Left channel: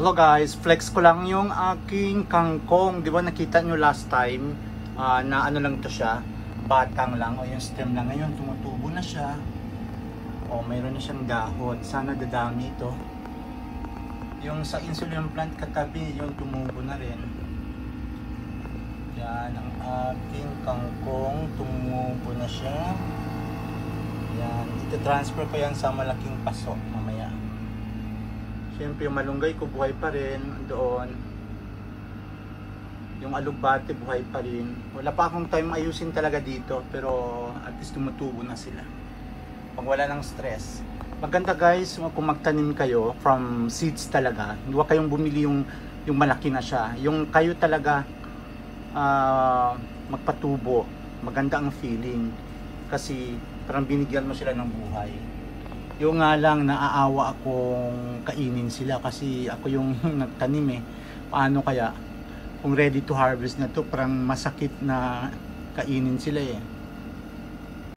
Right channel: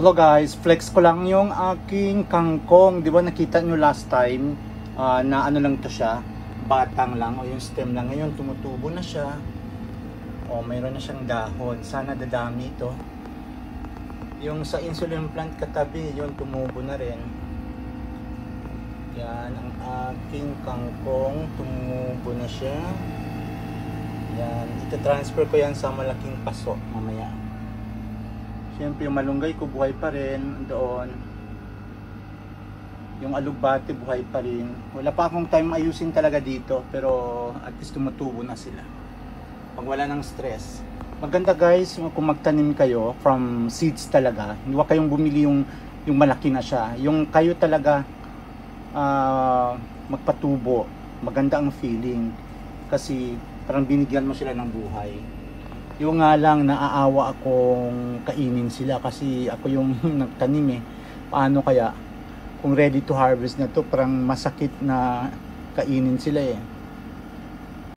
Hello guys, flex ko lang yung aking kangkong. Di ba nakita nyo last time na ano lang to siya, batang lang o yung stem lang. Ngayon tumutubo na siya. O mayroon na siyang dahon. Sana dadami ito. Yung sa insulin plant katabi, yung tumubo na rin. Yan ang aking kangkong. Tumubo na siya. Yan. Transfer ko yan sa malaking paso mamaya. Siyempre yung malunggay ko buhay pa rin doon. Yung alugbati buhay pa rin. Wala pa akong time ayusin talaga dito, pero at least tumutubo na sila pag wala ng stress. Maganda guys kung magtanim kayo from seeds talaga. Huwag kayong bumili yung malaki na siya. Yung kayo talaga magpatubo. Maganda ang feeling kasi parang binigyan mo sila ng buhay. Yung nga lang naaawa akong kainin sila kasi ako yung nagtanim eh. Paano kaya kung ready to harvest na to, parang masakit na kainin sila eh.